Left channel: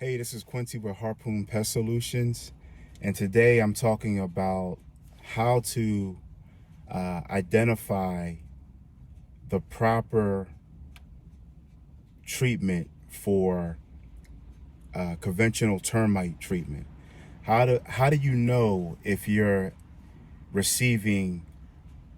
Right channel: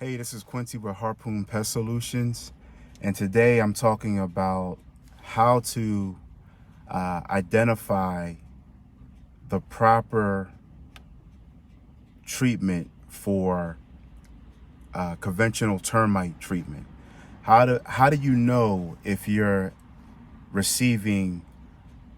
Hey, this is Quincy with Harpoon Pest Solutions, and today I'm talking about how to identify the proper treatment for conventional termite treatment. How do you know if you're receiving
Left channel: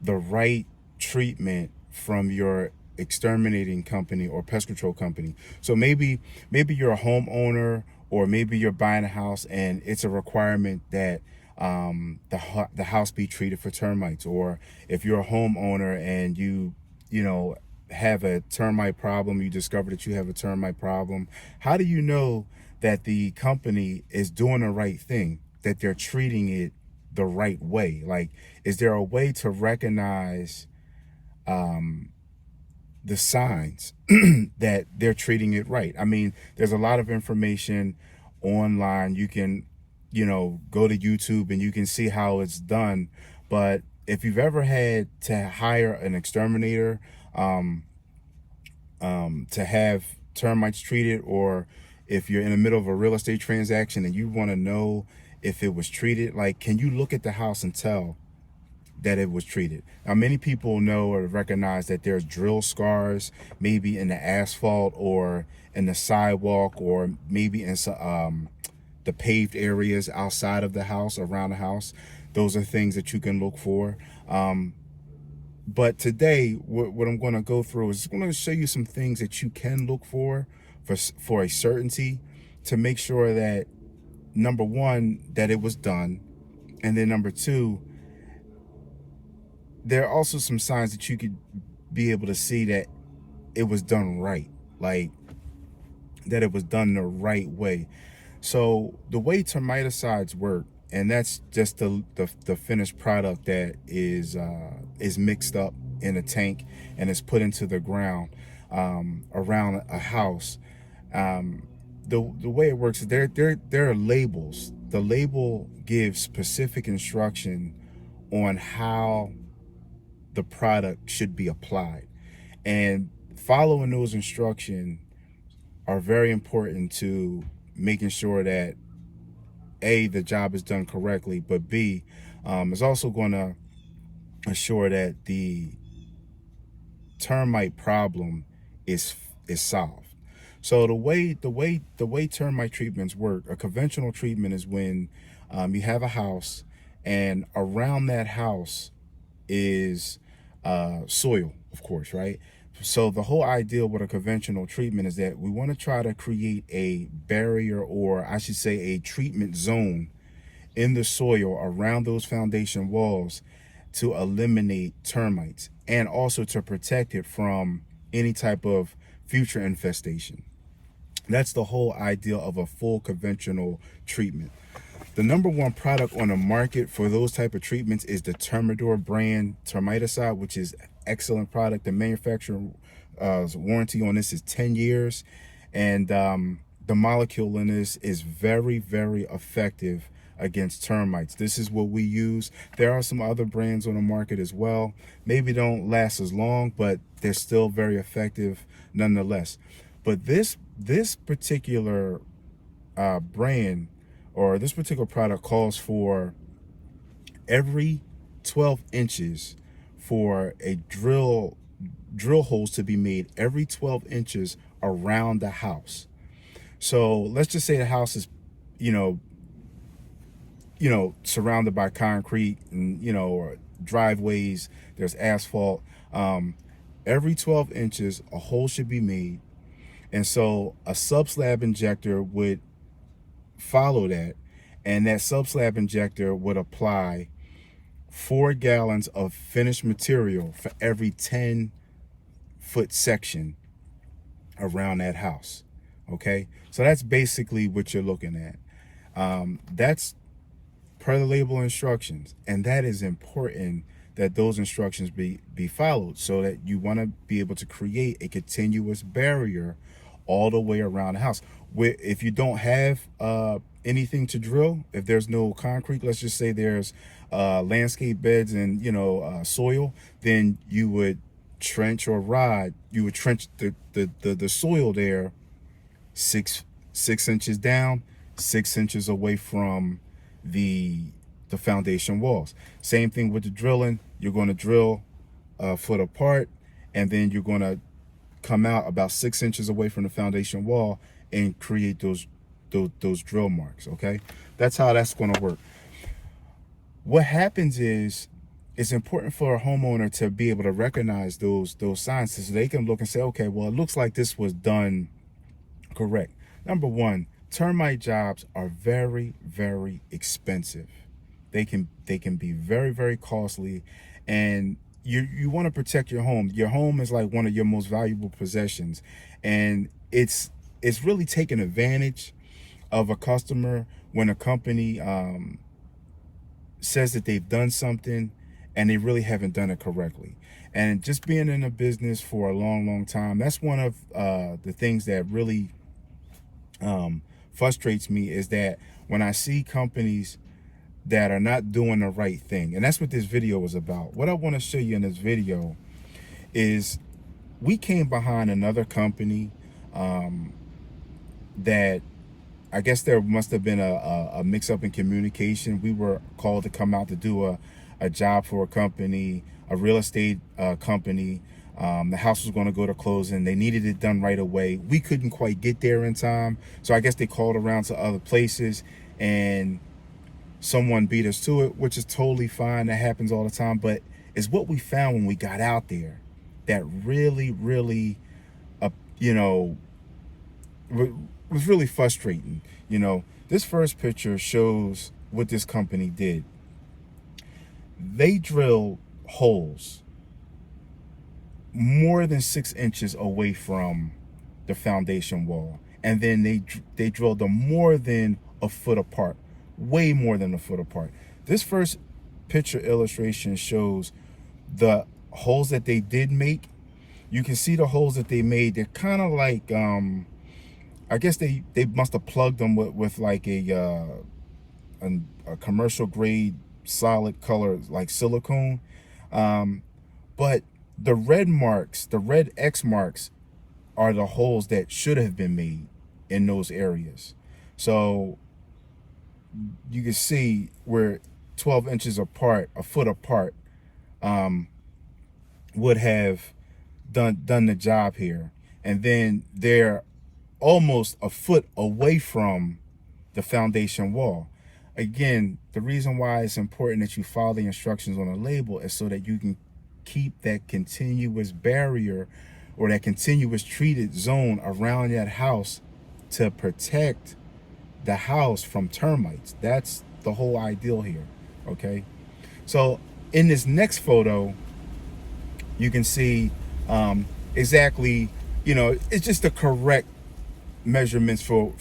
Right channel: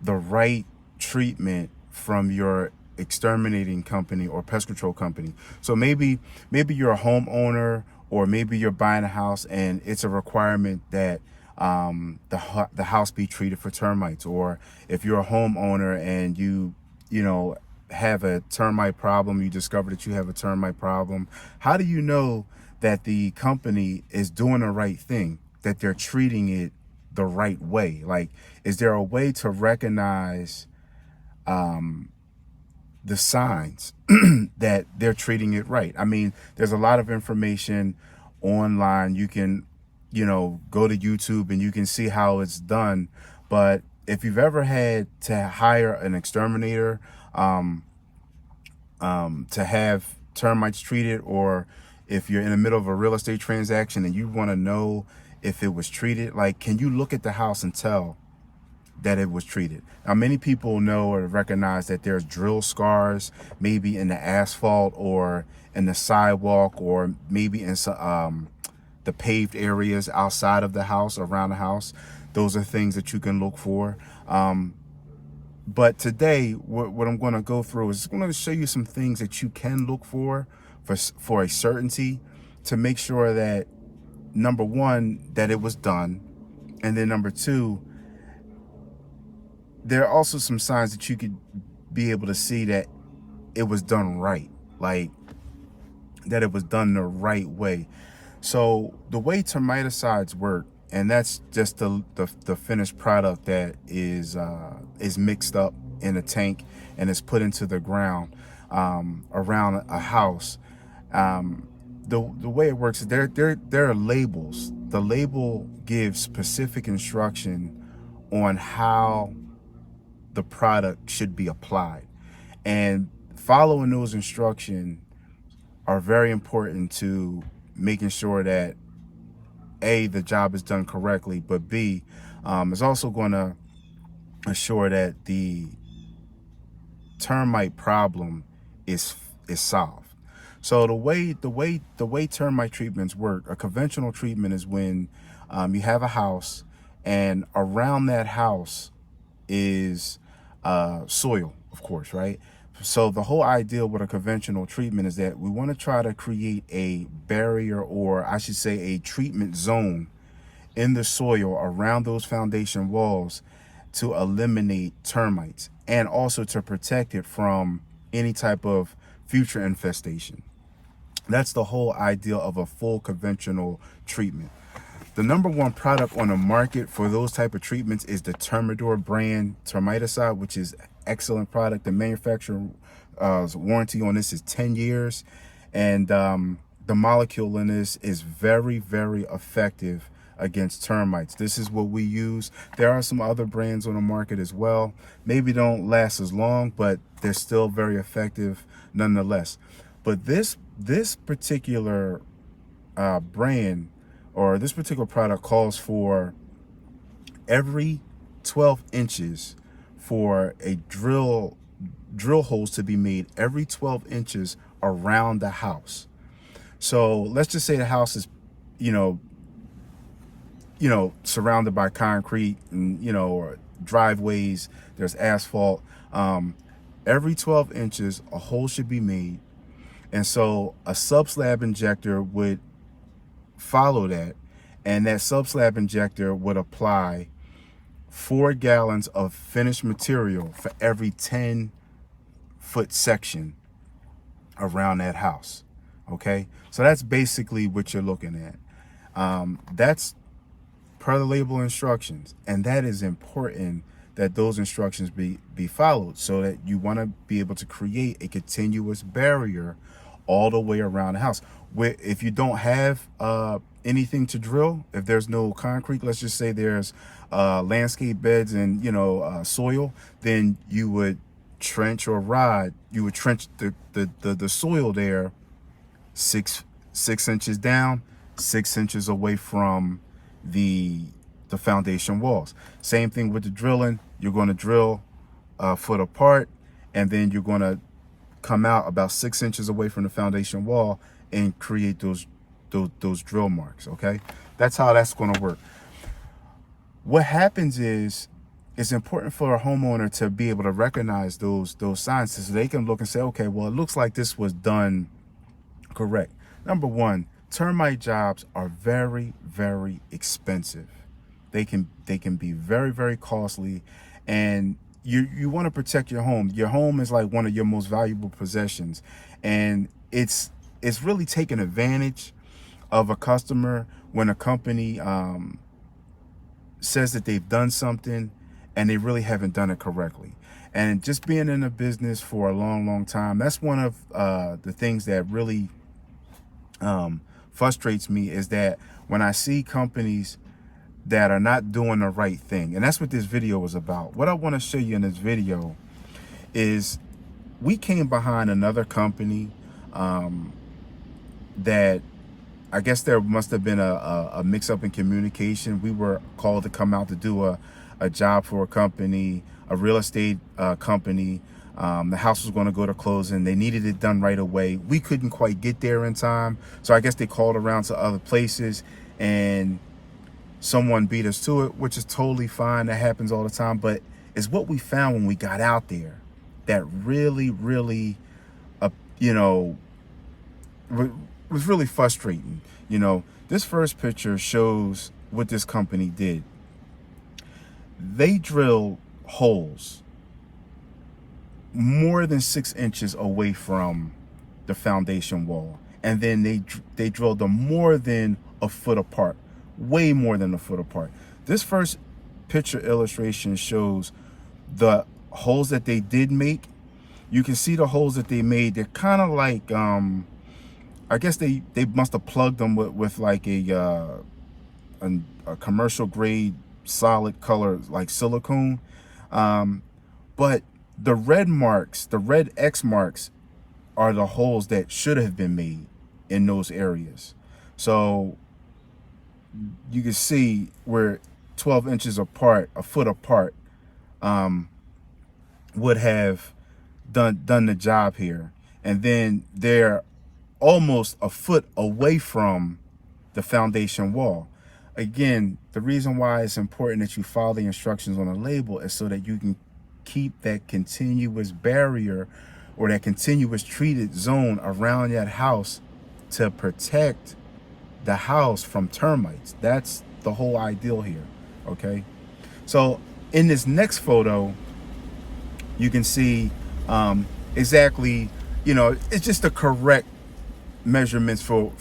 the right treatment from your exterminating company or pest control company? So maybe you're a homeowner, or maybe you're buying a house and it's a requirement that the house be treated for termites. Or if you're a homeowner and you have a termite problem, you discover that you have a termite problem, how do you know that the company is doing the right thing, that they're treating it the right way? Like, is there a way to recognize the signs that they're treating it right? I mean, there's a lot of information online. You can, go to YouTube and you can see how it's done. But if you've ever had to hire an exterminator to have termites treated, or if you're in the middle of a real estate transaction and you want to know if it was treated, like, can you look at the house and tell that it was treated? Now, many people know or recognize that there's drill scars, maybe in the asphalt or in the sidewalk, or maybe in the paved areas outside of the house, around the house. Those are things that you can look for. But today, what I'm going to go through is I'm going to show you some things that you can look for a certainty, to make sure that, number one, that it was done, and then number two, there are also some signs that you could be able to see that it was done right, like that it was done the right way. So the way termiticides work, and that's just the finished product that is mixed up in a tank and is put into the ground around a house. The way it works is there are labels. The label gives specific instruction on how the product should be applied, and following those instructions are very important to making sure that A, the job is done correctly, but B, is also going to assure that the termite problem is solved. So the way termite treatments work, a conventional treatment is when you have a house, and around that house is soil, of course, right? So the whole idea with a conventional treatment is that we want to try to create a barrier, or I should say a treatment zone, in the soil around those foundation walls, to eliminate termites and also to protect it from any type of future infestation. That's the whole idea of a full conventional treatment. The number one product on the market for those type of treatments is the Termidor brand termiticide, which is excellent product. The manufacturer's warranty on this is 10 years. And the molecule in this is very, very effective against termites. This is what we use. There are some other brands on the market as well. Maybe don't last as long, but they're still very effective nonetheless. But this particular brand, or this particular product, calls for every 12 inches for a drill holes to be made every 12 inches around the house. So let's just say the house is, surrounded by concrete and, or driveways, there's asphalt. Every 12 inches, a hole should be made. And so a subslab injector would follow that, and that subslab injector would apply 4 gallons of finished material for every 10-foot section around that house. Okay, so that's basically what you're looking at. That's per the label instructions, and that is important that those instructions be followed, so that you want to be able to create a continuous barrier all the way around the house. If you don't have anything to drill, if there's no concrete, let's just say there's landscape beds and soil, then you would trench the soil there 6 inches down, 6 inches away from the foundation walls. Same thing with the drilling. You're going to drill a foot apart, and then you're going to come out about 6 inches away from the foundation wall and create those drill marks. Okay, that's how that's going to work. What happens is, it's important for a homeowner to be able to recognize those signs so they can look and say, okay, well, it looks like this was done correct. Number one, termite jobs are very, very expensive. They can be very, very costly, and you want to protect your home. Your home is like one of your most valuable possessions, and it's really taking advantage of a customer when a company says that they've done something and they really haven't done it correctly. And just being in a business for a long, long time, that's one of the things that really frustrates me, is that when I see companies that are not doing the right thing. And that's what this video is about. What I want to show you in this video is we came behind another company that I guess there must have been a mix-up in communication. We were called to come out to do a job for a company, a real estate company. The house was going to go to closing. They needed it done right away. We couldn't quite get there in time, so I guess they called around to other places, and someone beat us to it, which is totally fine. That happens all the time. But it's what we found when we got out there that really, really, was really frustrating. This first picture shows what this company did. They drilled holes more than 6 inches away from the foundation wall, and then they drilled them more than a foot apart, way more than a foot apart. This first picture illustration shows the holes that they did make. You can see the holes that they made. They're kind of like I guess they must have plugged them with like a commercial grade solid color like silicone, but the red marks, the red X marks, are the holes that should have been made in those areas. So you can see we're 12 inches apart, a foot apart, would have done the job here. And then they're almost a foot away from the foundation wall. Again, the reason why it's important that you follow the instructions on the label is so that you can keep that continuous barrier or that continuous treated zone around that house to protect the house from termites. That's the whole ideal here. Okay, so in this next photo you can see exactly, it's just the correct measurements for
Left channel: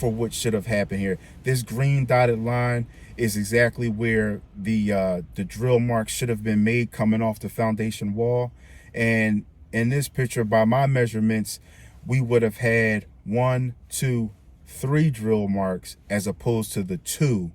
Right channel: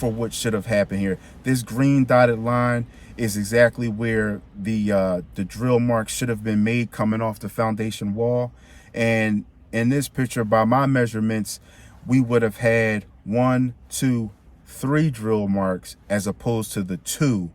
what should have happened here. This green dotted line is exactly where the drill mark should have been made, coming off the foundation wall. And in this picture, by my measurements, we would have had 1, 2, 3 drill marks as opposed to the 2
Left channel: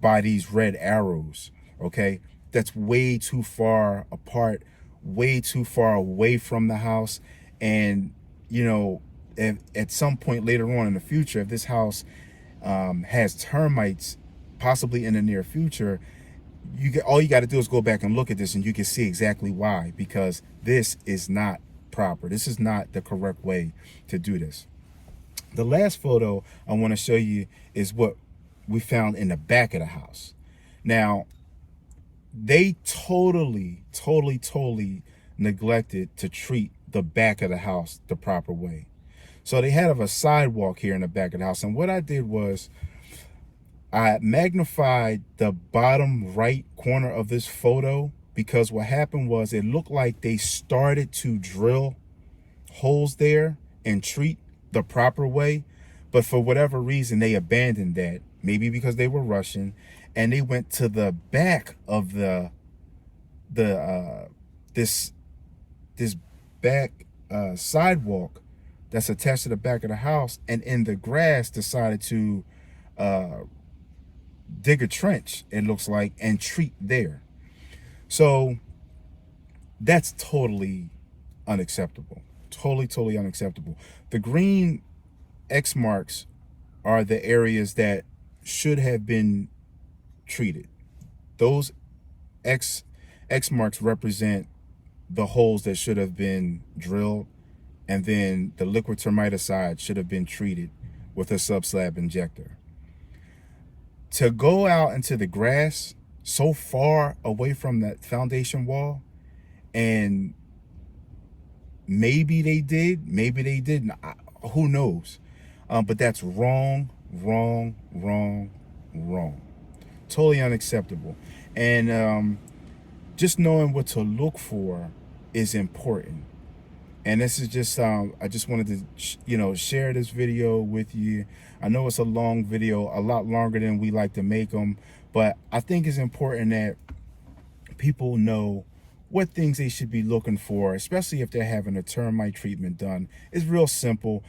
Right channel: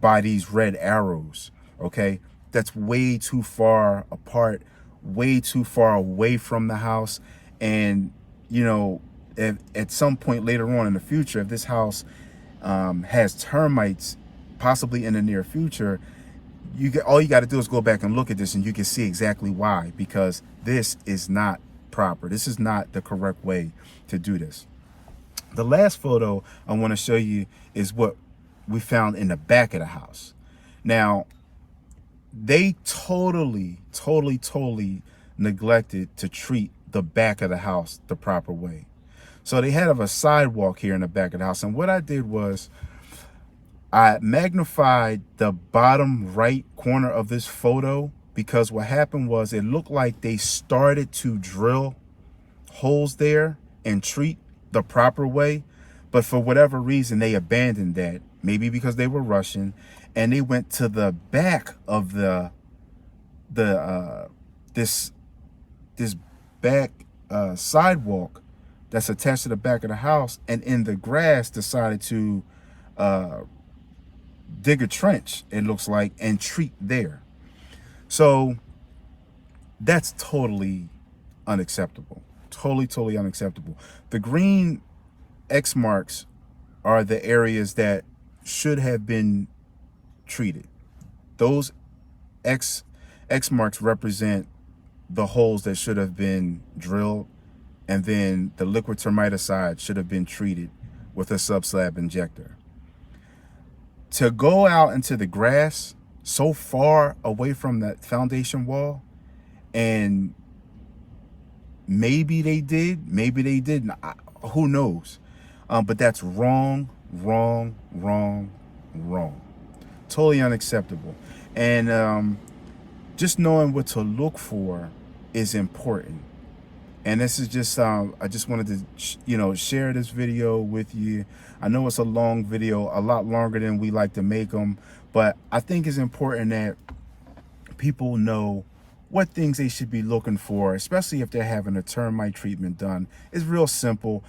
by these red arrows. Okay, that's way too far apart, way too far away from the house. And at some point later on in the future, if this house has termites, possibly in the near future, all you got to do is go back and look at this, and you can see exactly why. Because this is not proper. This is not the correct way to do this. The last photo I want to show you is what we found in the back of the house. Now, they totally neglected to treat the back of the house the proper way. So they have a sidewalk here in the back of the house. And what I did was I magnified the bottom right corner of this photo, because what happened was it looked like they started to drill holes there and treat the proper way. But for whatever reason, they abandoned that. Maybe because they were rushing, and they went to the back of this back sidewalk that's attached to the back of the house, and in the grass decided to dig a trench, it looks like, and treat there. So that's totally unacceptable. Totally unacceptable. The green X marks are the areas that should have been treated. Those X marks represent the holes that should have been drilled, and then the liquid termiticide should have been treated with a subslab injector. To go out into the grass so far away from that foundation wall, and maybe they did, maybe they didn't, who knows? But that's wrong, wrong, wrong, wrong. Totally unacceptable. And just knowing what to look for is important. And this is just I just wanted to share this video with you. I know it's a long video, a lot longer than we like to make them, but I think it's important that people know what things they should be looking for, especially if they're having a termite treatment done. It's real simple.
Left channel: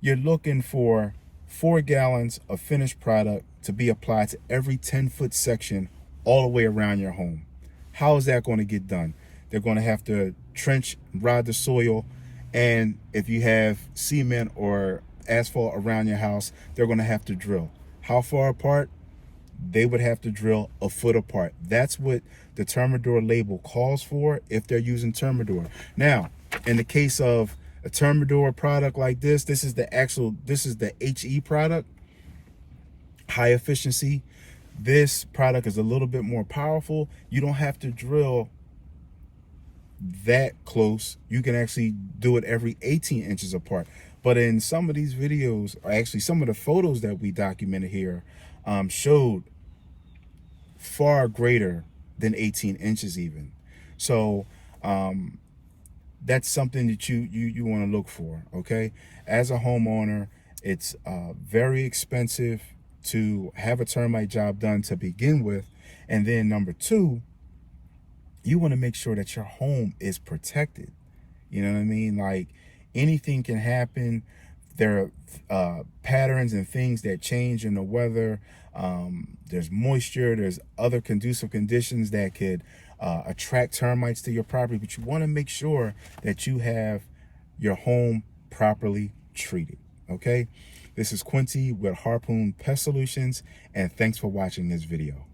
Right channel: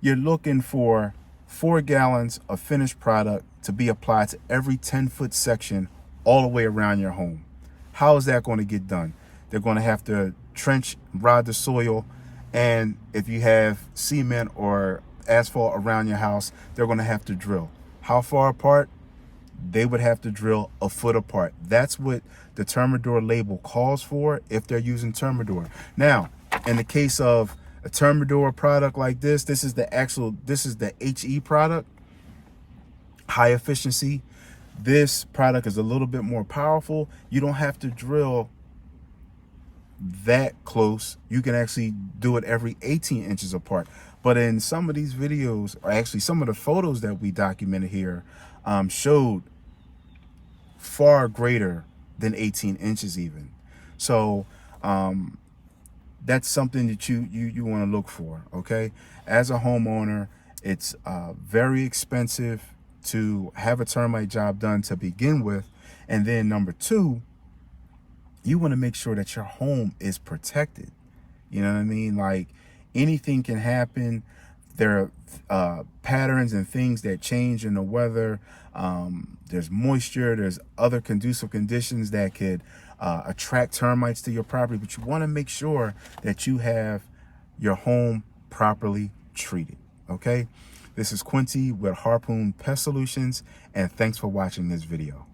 You're looking for 4 gallons of finished product to be applied to every 10-foot section all the way around your home. How is that going to get done? They're going to have to trench, rod the soil, and if you have cement or asphalt around your house, they're going to have to drill. How far apart? They would have to drill a foot apart. That's what the Termidor label calls for if they're using Termidor. Now, in the case of a Termidor product like this, this is the HE product, high efficiency. This product is a little bit more powerful. You don't have to drill that close. You can actually do it every 18 inches apart. But in some of these videos, or actually some of the photos that we documented here, showed far greater than 18 inches even. So that's something that you want to look for, okay? As a homeowner, it's very expensive to have a termite job done to begin with. And then number 2, you want to make sure that your home is protected. You know what I mean? Like, anything can happen. There are patterns and things that change in the weather. There's moisture, there's other conducive conditions that could attract termites to your property, but you want to make sure that you have your home properly treated, okay? This is Quincy with Harpoon Pest Solutions, and thanks for watching this video.